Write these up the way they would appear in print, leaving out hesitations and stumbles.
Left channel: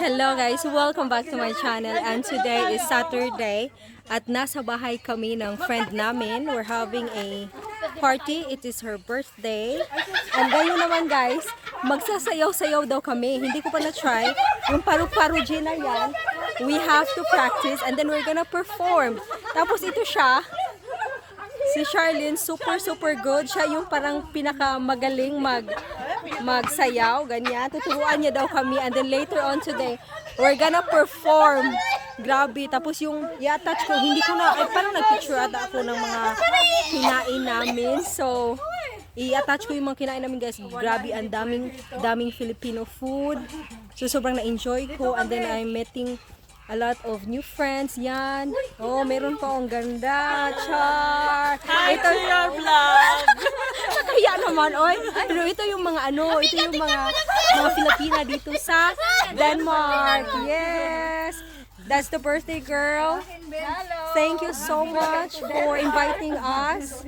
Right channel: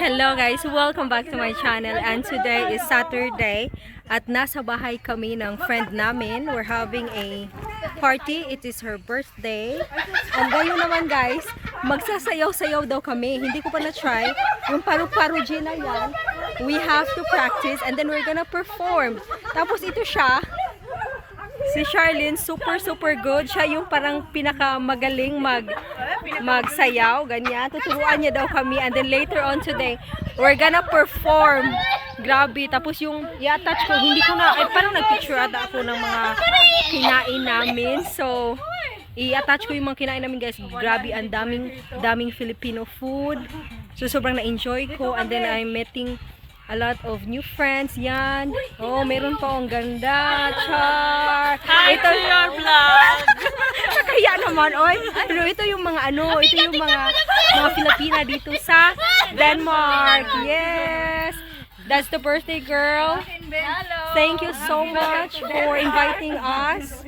Hello guys, welcome back to my channel, and today is Saturday at nasa bahay kami ng friend namin. We're having a party. It is her birthday. And ngayon naman guys, magsasayaw-sayaw daw kami. Hindi ko pa na-try. Yung paru-paro na yan, we have to practice and then we're gonna perform. Tapos ito siya, si Charlene, super good. Siya yung parang pinakamagaling magsayaw, ganyan. Tuturuan niya daw kami, and then later on today, we're gonna perform. Grabe. Tapos yung i-attach ko, hindi ko na, parang nag-picture ata ako ng mga kinain namin. So, i-attach ko yung mga kinain namin guys. Grabe, ang daming Filipino food. So, sobrang na-enjoy ko. And then, I'm meeting a lot of new friends, yan. Oh, meron pa ang ganda. Char. Hi to your vlog. Kaya naman, oy. Pero ito yung mga ito yung mga Filipina dito sa Denmark. Yes. That's the birthday girl. Thank you so much for inviting us.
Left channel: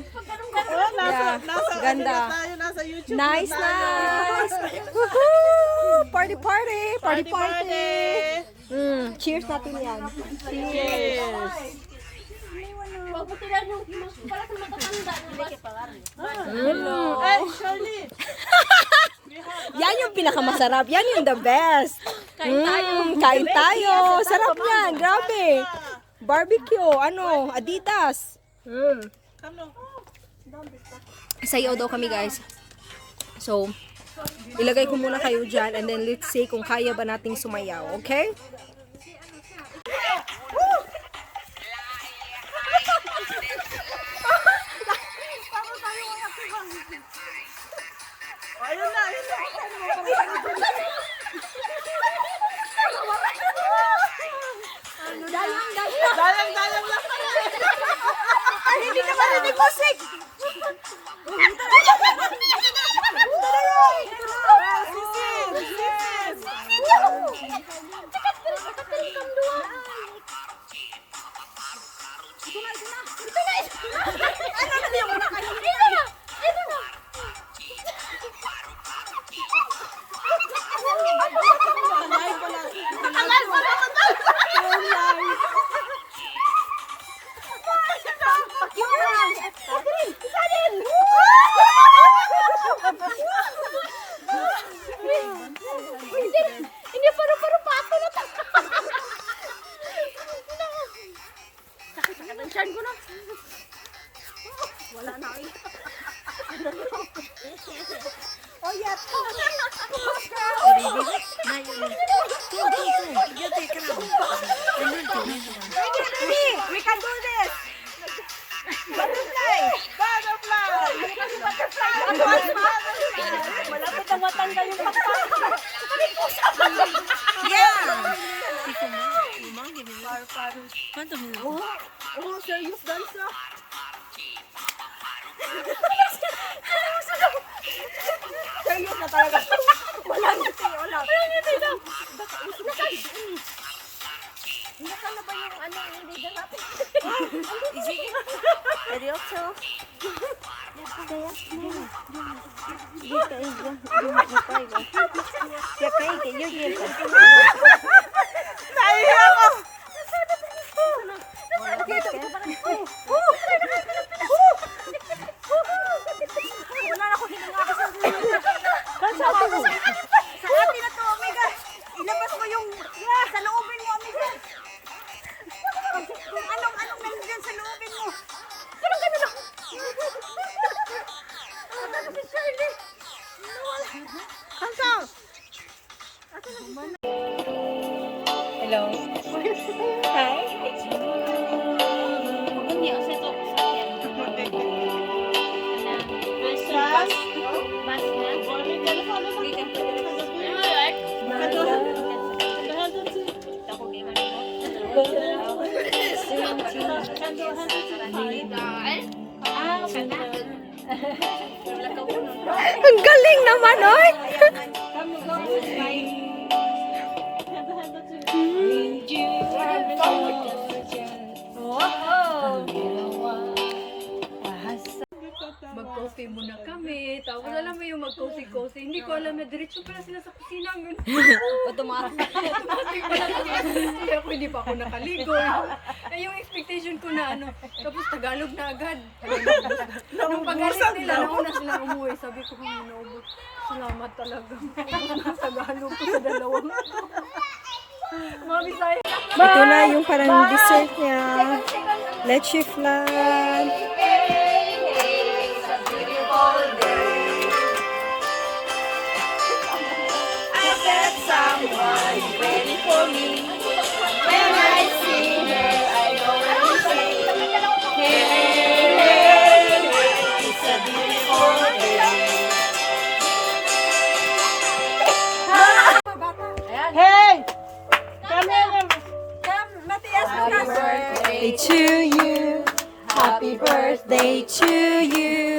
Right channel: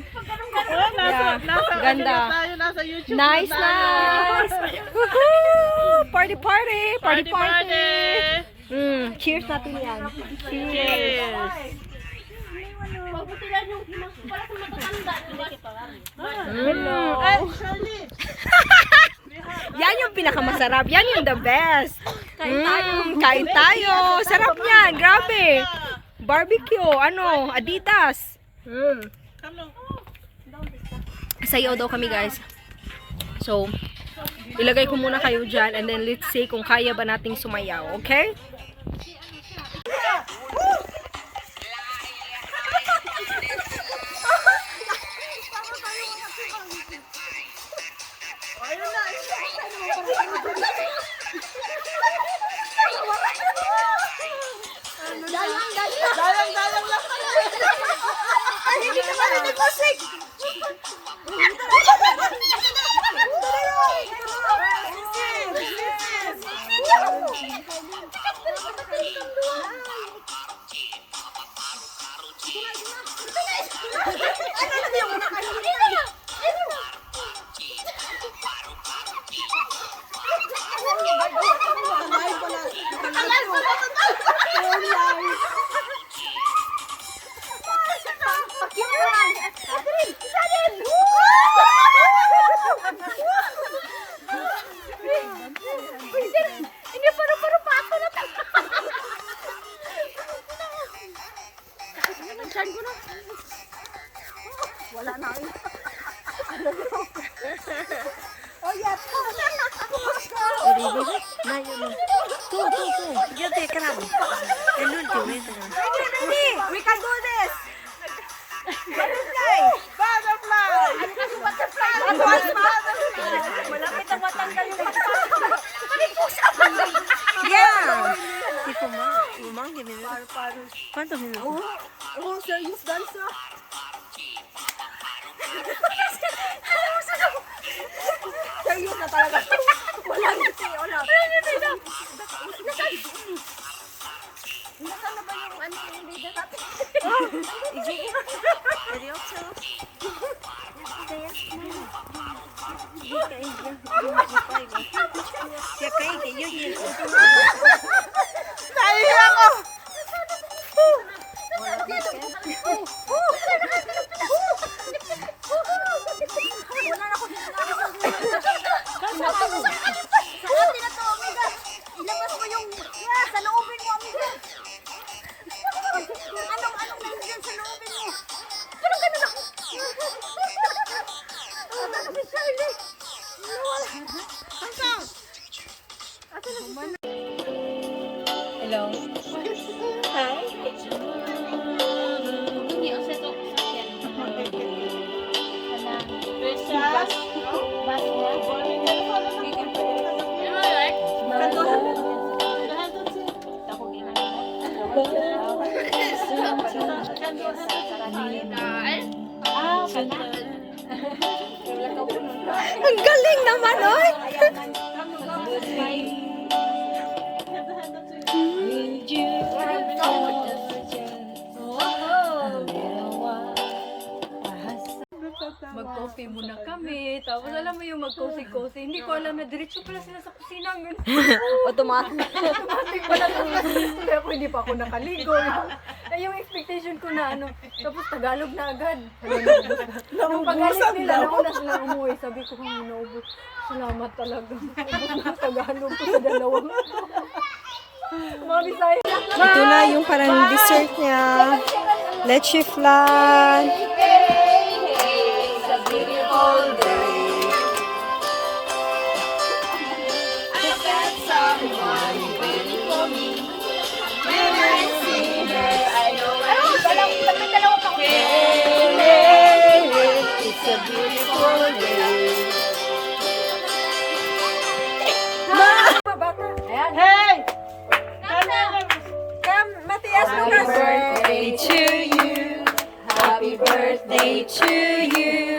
Yeah. Ganda. Nice. Woohoo! Party. Cheers natin yan. Cheers. Yan yung pinakamasarap. Yan yung the best. Kain tayo. Sarap yan. Grabe. Barbecue. Adidas. Sayaw daw kami guys. So, ilagay ko muna kayo dyan and then let's see kung kaya ba nating sumayaw. Okay? Dalang lang pala. Hindi naman yung musik. Wala na yun. Oh yeah, we can do this. Butterfly. Malapit na matanggal yung yeah. Tipo, mamang gini. ¿Cuántos minutos? Oh, serious dansa. Serious na talaga. Wala na siya, wala. Nasaan na ba yung hindi na natin? Seryoso? Naiya ko! Sa atin na to, amiga. Ilabas mo yung sa loobin mo, amiga. Anong nandiyan sa loobin mo? Parang gano'n na. Kanto! Hello. Hi. Ang galing naman, oy! Mag-coffee muna kami. Tapos alam mo yung mag-cozy-cozy. Hindi ko alam na diretso pala sila sa kusina. Automatic. Automatic pala sila ako, hindi pa ako nakaligo. Eh, yung expectation ko na ano, tapos Tagalog na agad. Nung pag-alis nila, nauna sila umuwi. Sabi ko, naubos. Salamat talaga. Tagalog ko sa dalawang. Mga Bisaya. Ito na yung parang dessert niya. Leche flan. Birthday to you. Happy birthday to you.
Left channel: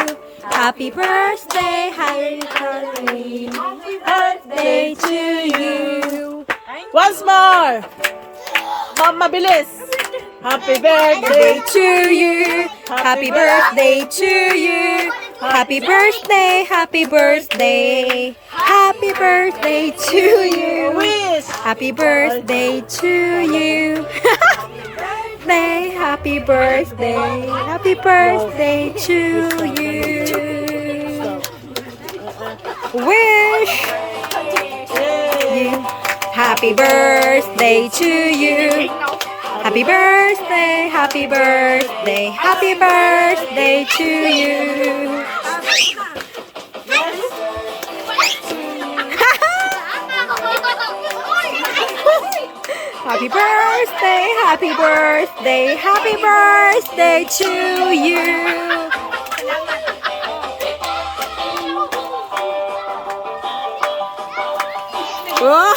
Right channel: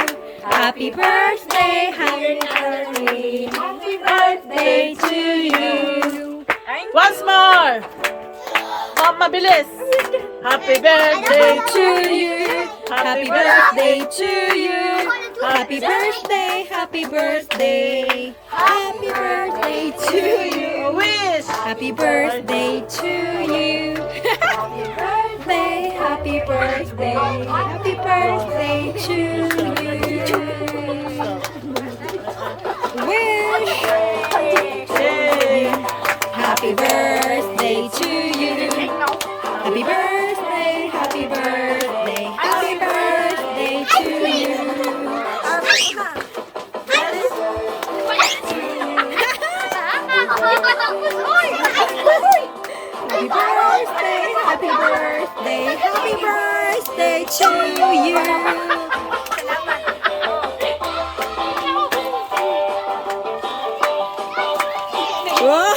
Happy birthday, happy birthday. Happy birthday to you. Once more! Mabilis! Happy Birthday birthday! to you. Happy birthday to you. Happy birthday, happy birthday. Happy birthday to you. Wish! Happy birthday to you. Happy birthday, happy birthday to you. Wish you happy birthday to you. Happy birthday, happy birthday, happy birthday to you. Happy birthday, happy birthday, happy birthday to you. Whoa.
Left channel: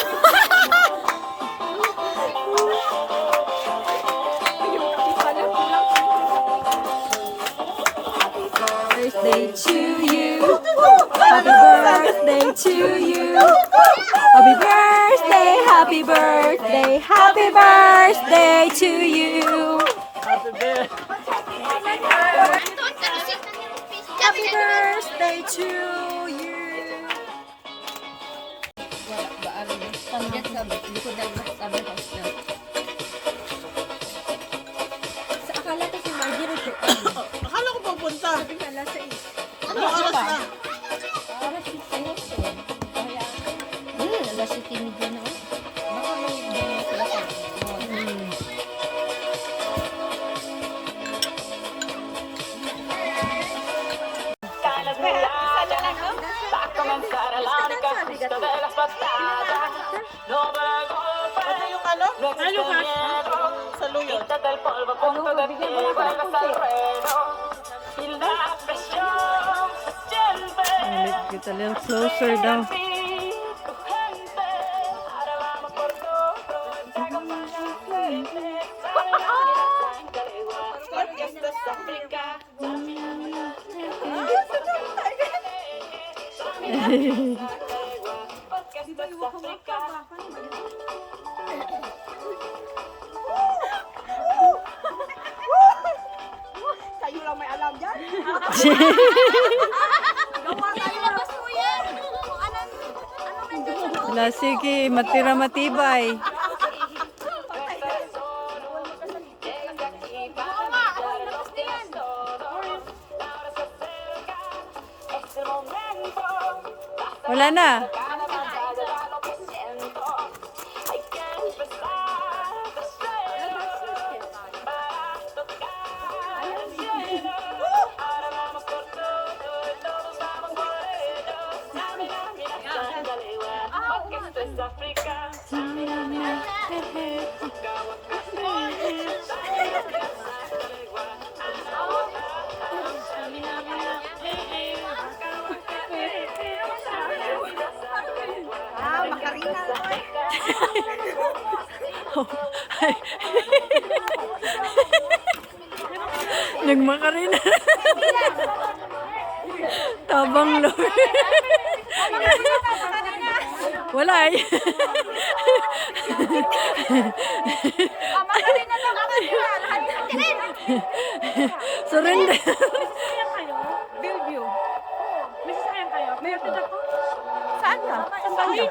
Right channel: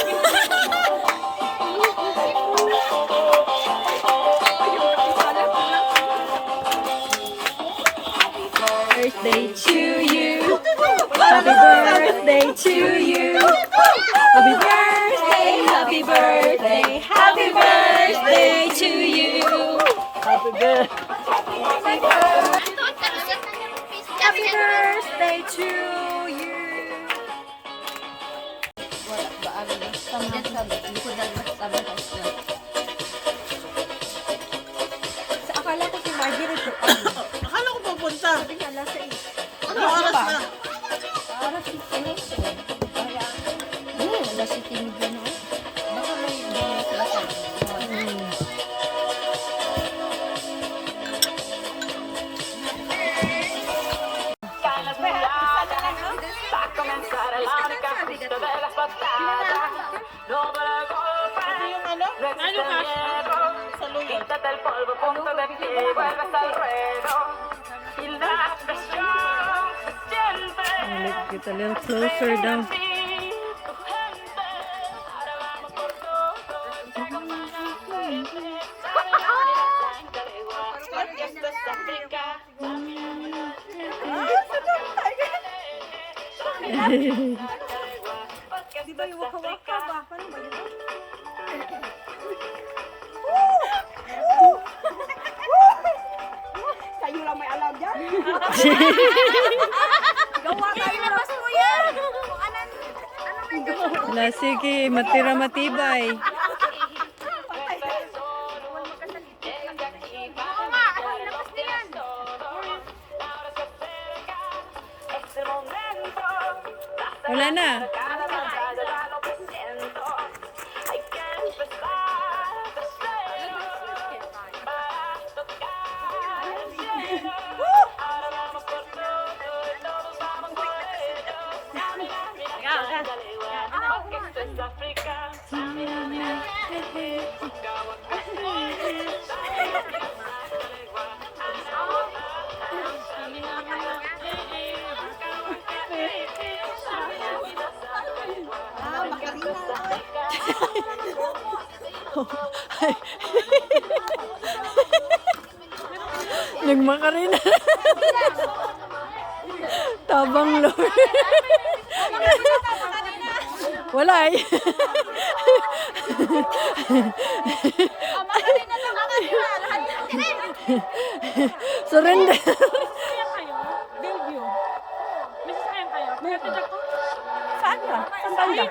Birthday to you. Happy birthday to you. Happy birthday, happy birthday, happy birthday to you. Happy birthday to you. Akala ko si Marjorie to Akala ko pupunta. nasa Ano oras na? Aras si Celeste. Kaya, alas si Timid na. Baka may mga klasa. Ito yung ano? Ano ka? Sa luyo. Let's get a little closer down. Di ba yung waka-waka ba? Paano ba yun? Kayo lang may alam dyan. Ilabas mo yan! Wala, sige, matira matibay. Wala na. Makarina na to eh. Nagmakarina. Tabang Lord. Wala eh. Makarina to, Makarina. Surrender. Bellevue. May sasakyan kayo? May banda? Saan banda?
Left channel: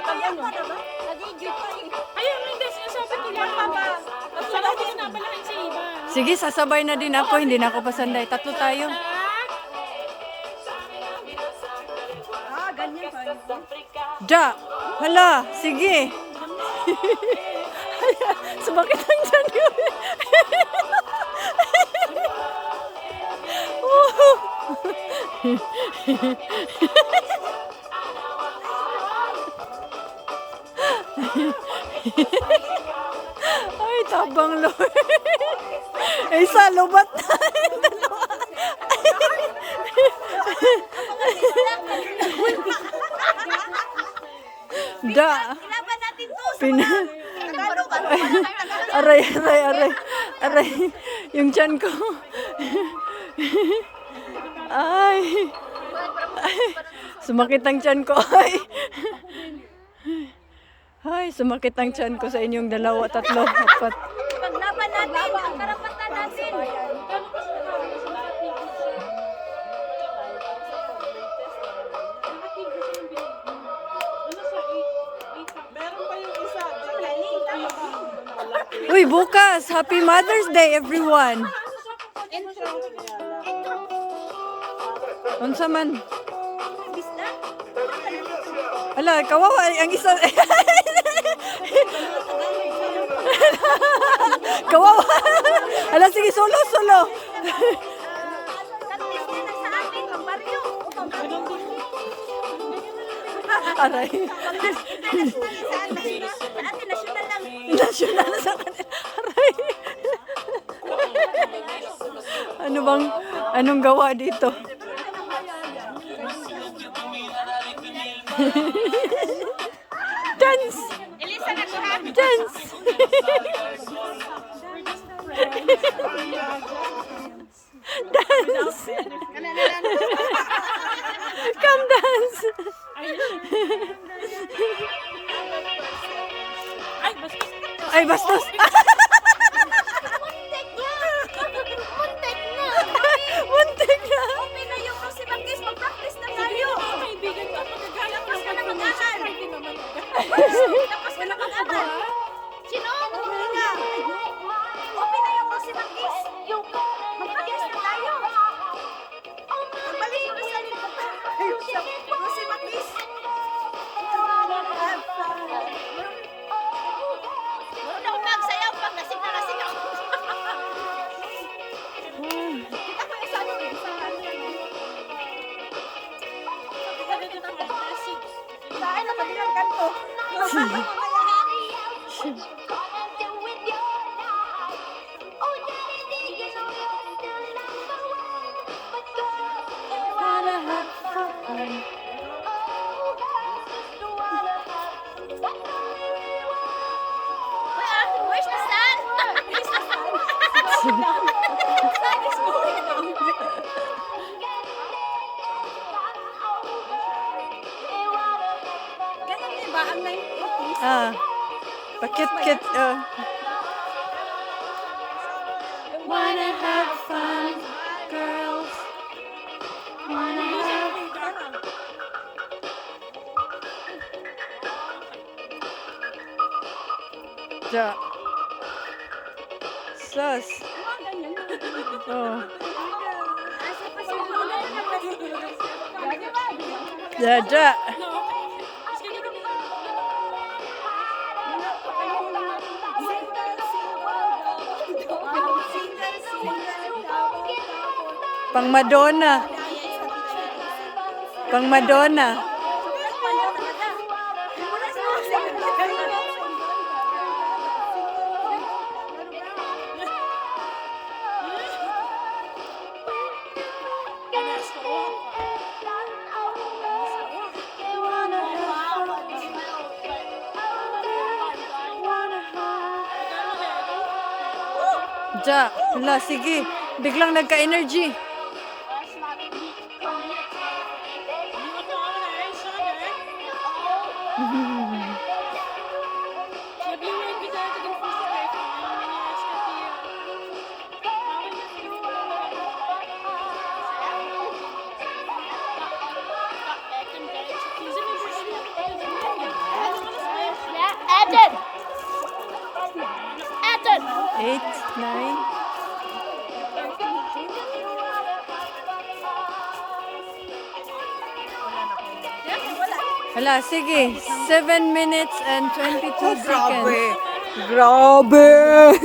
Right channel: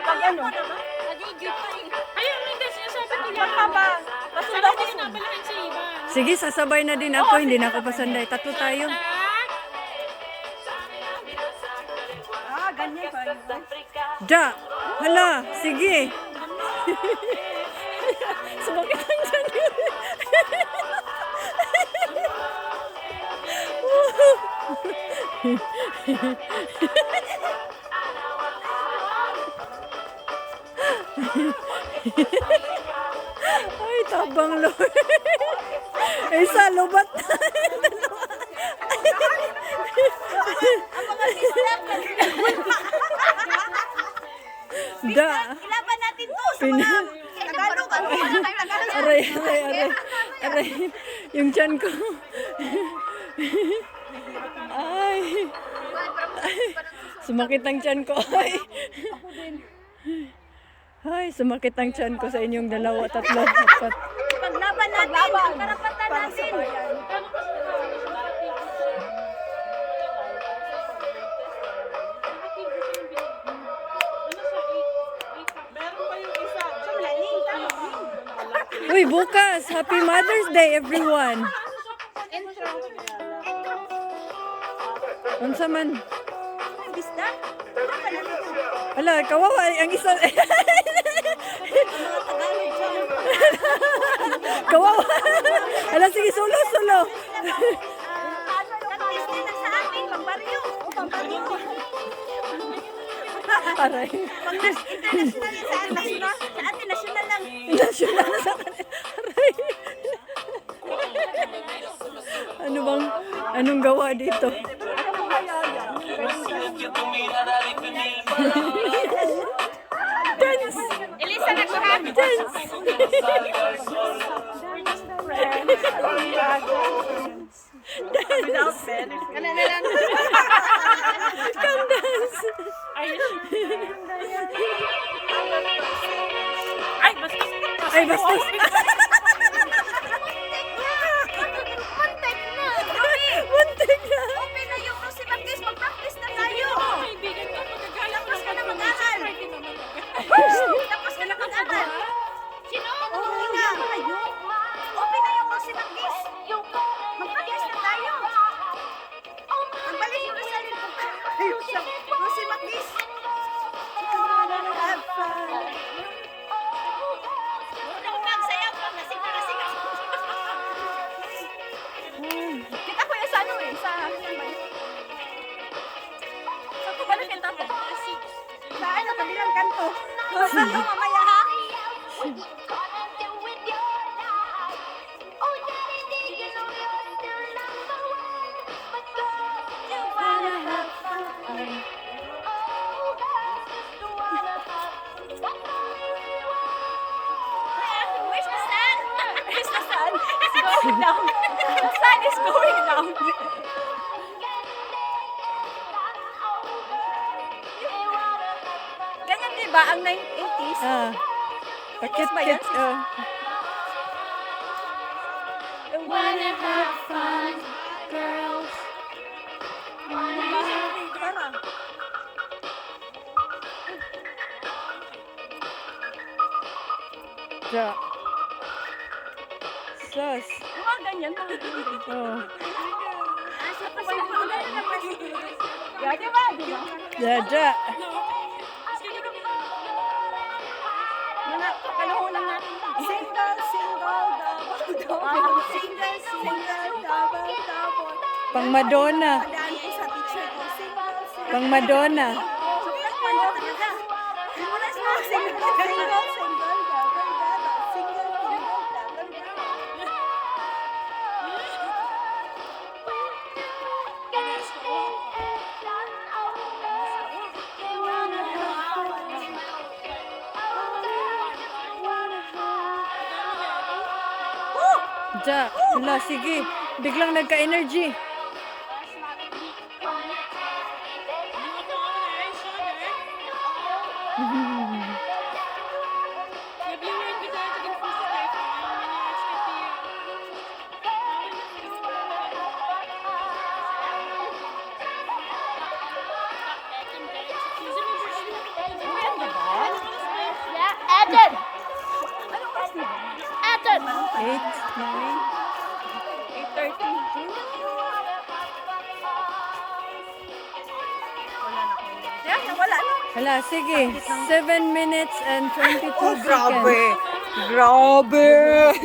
Pag ano? Pasundo ako soon. Sige, sasabay na din ako. Hindi na ako pasanday. Tatlo tayo. Ganyan pa yun. Ja! Hala! Sige! Sumakit ang dyan yun. Ay, tabang Lord. Ay, sa lubat na. Dalawa. Da. Laban natin to sa Pina. Tagalog. Aray, aray, aray. Aray. Yung tiyan ko. Ay. Sumakit ang tiyan ko. Ay. Ay, sumakit ang tiyan ko sa inyong dalawa, tatlo, apat. Paglaban natin ang karapatan Para natin. sa bayan. Meron pa yung isa. Uy, bukas! Happy Mother's Day, everyone! Unsa man? Bisda. Laban natin to. Ala, kawawa ang isa. Ang mga Tagalog dyan. Kawawa. Ala, sige, solo, solo. Paano yung kami na sa akin? Pambaryo. O, pambaryo. Aray. Sa atin nasyonal lang. Nasyonal sa kanila. Aray. Ano bang, anong gawa dito? Dance! Dance! Without benefit. Come dance! Are you sure? Ay, basta. Ay, bastos! Muntik na! Okay na yung Rosie Magdis. Mag-practice na tayo. Tapos ka na mag-aral. Tapos ka na mag-aral. Sino? Oo na. Open na yung Rosie Magdis. Mag-practice na tayo. Magbalik yung Rosalie. Tayo sa Rosie Magdis. Have fun. Magsayaw pag nasing-nasing. Kita ko yung sa ano eh, sa ano yan ba yun? Sa pabalik yung tapo. Sa ano, kabilang kanto. Sa'yo mamaya ha? Where's the sun? Where's the sun? It's going down. The sun is going down. Ganyan din ba ang 1980s? Ah, pakit-kit. Wanna have fun, girls. Wanna have... Parang. Ja. Sus. Mga ganyan, mga ganyan. Oh. Asa pa pala ka ulit na pwede. Yeah, di ba? Di ba? Ja, ja. Mga kakaluhunan natin yan. Single, single, double, double. Single, single, double, double. Pang Madonna. Tandaan ko sa teacher ko. Single, single. Pang Madonna. Sukat pa niya talaga. Mula sa single, single, single, double, double. Single, single, double, double. Ja, wala, sige. Biglang nagka-energy. 8, 9. Hala, sige. 7 minutes and 22 seconds. Grabe!